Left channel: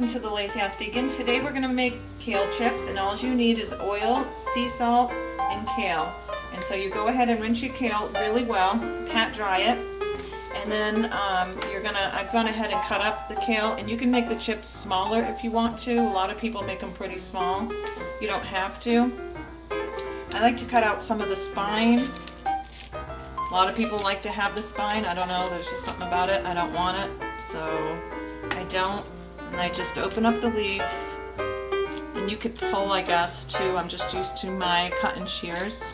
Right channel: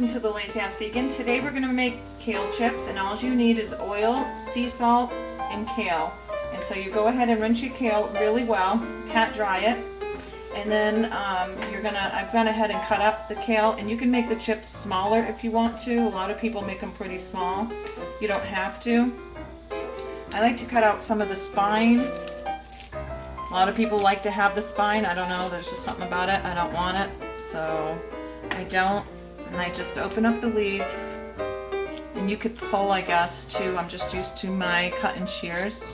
welcome to the Lazy House Vegan. Today we're going to make kale chips, and all you need is oil, sea salt, and kale. And so you go ahead and rinse your kale really well, pat dry it, and then I've gone ahead and cut up the kale, and you can make the chips smaller if you want to. A lot of people make them pretty small. You don't have to. I like to cut out some of the spine. A lot of people like to have the spine. I don't know, there's just something about it. I don't want it, so I don't. And I just open up the leaf, and you could pull, I guess, too. I'm just used to my cut and shears.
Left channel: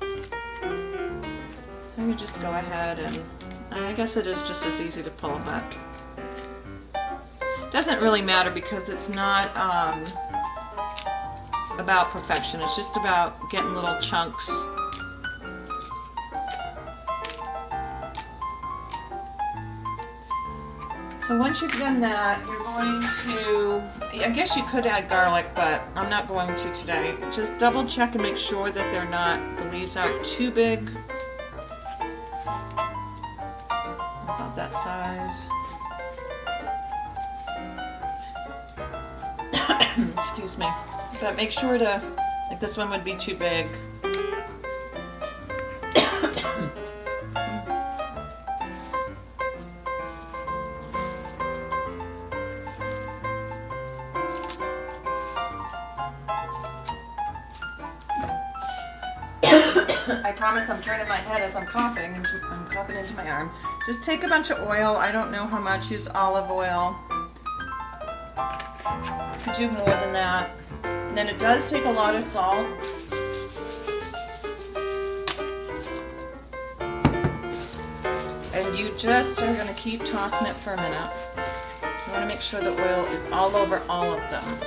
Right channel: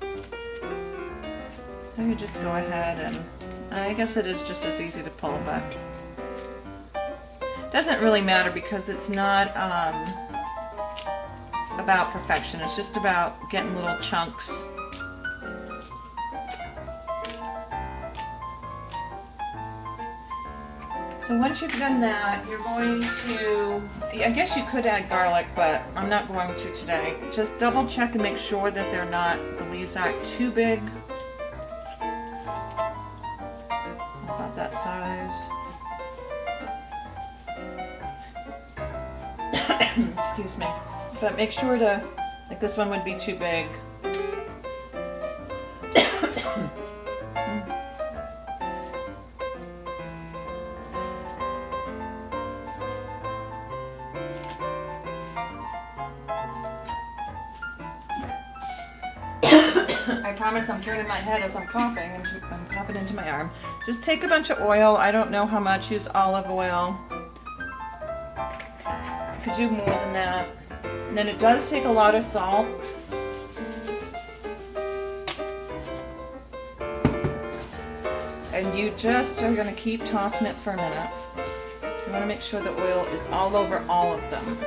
So you just go ahead, and I guess it is just as easy to pull, but it doesn't really matter because it's not about perfection. It's just about getting little chunks. So once you've done that, you're going to, I guess you could add garlic, but I'm not going to today. Just double check and make sure that the leaves aren't too big. About that size. Excuse me. But make sure to, like this one would be too big. I promise I'm turning my head as I'm coughing, and I'm coughing into my arm. Just take a bunch of oil. I don't know how much. Use olive oil. Could do more than that. And then it does take a lot of salt. And you just are going to keep tossing it for a minute. You want to make sure the oil is all over all of them.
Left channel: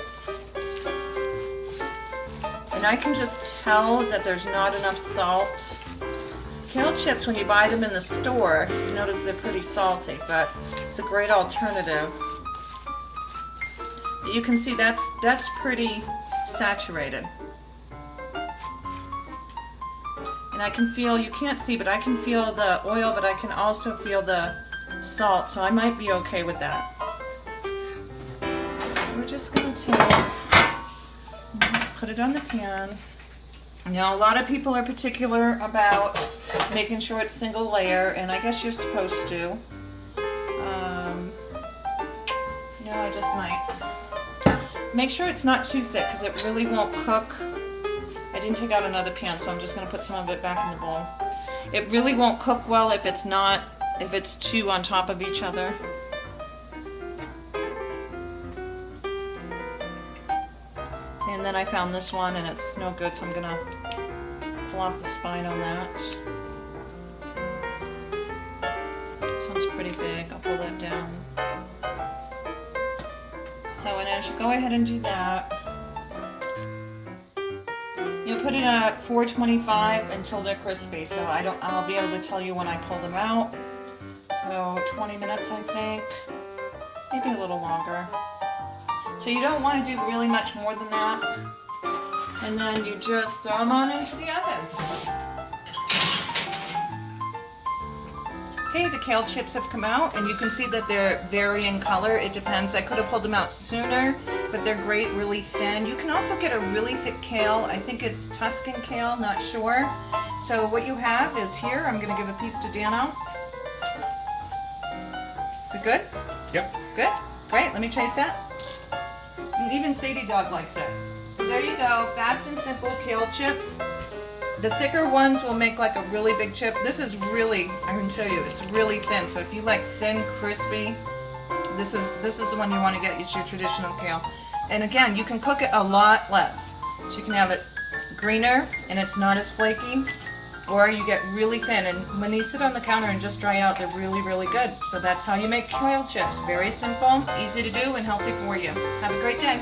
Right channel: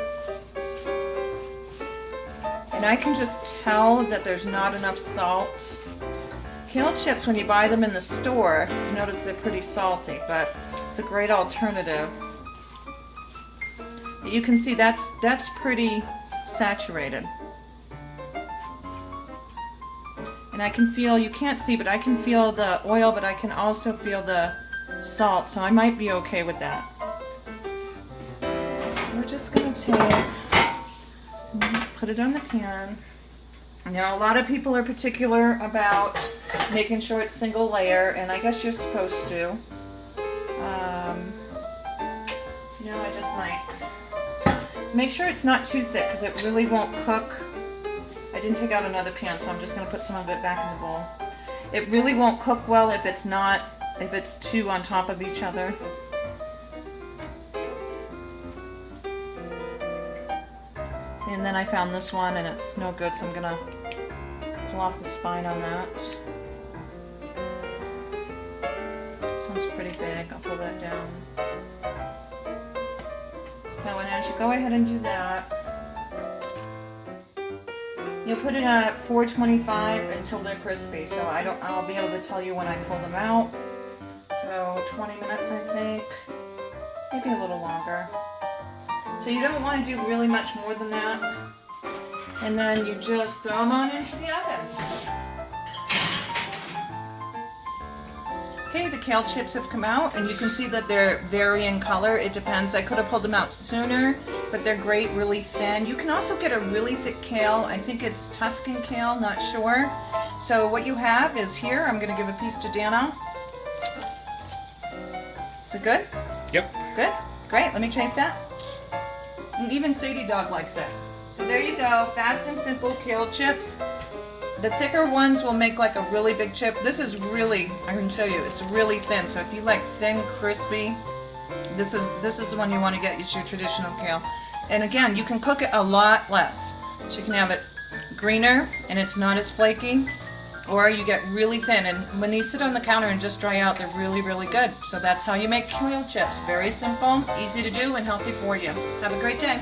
And I can just tell that there's not enough salt. Kale chips, when you buy them in the store, you notice they're pretty salty, but it's a great alternative. You can see that's pretty saturated. And I can feel, you can't see, but I can feel the oil, but I can also feel the salt, so I might be okay with that. We're just going to put it on the pan. Now, a lot of people are particular about making sure it's single layer, and I guess you're supposed to. I just might. Make sure it's not too thick because it really won't cook. I didn't take out another pan, so I'm just going to put some of it back in the bowl. It really won't cook well if it's two on top of each other. See, and then I found this one and it's no good, so I'm going to pull off the spine on that. This one's pretty big. I'll pull that down. So, and as you go ahead and do that, you put it at 425 until they're crispy. So I'll be able to tell you when I pull them out. So 20 minutes, I think, maybe a little longer. So you don't want to do really much more than that. And then you just throw them on into the oven. Okay, the kale chips have come out, and you can see that they're varying color. It depends. I could have pulled them out sooner, but they're great, really thin. You can also get a really thick kale. I think it's Tuscan kale, not sure. So what you have is here, I'm going to give a piece to Dano. Is it good? Yep. Good? Great, let me taste that. And even Sadie Dog likes it. So there you go, fast and simple kale chips. The thicker ones will make like a really big chip. This is really, I can show you, it's really thin. So if you like thin, crispy, this is the one you want to get. It's your traditional kale. And again, you can cook it a lot less. So you can have it greener and it's not as flaky, or you get really thin. And when these sit on the counter and just dry out, they're really, really good. So that's how you make kale chips. Very simple, easy to do, and healthy for you. Have a great day.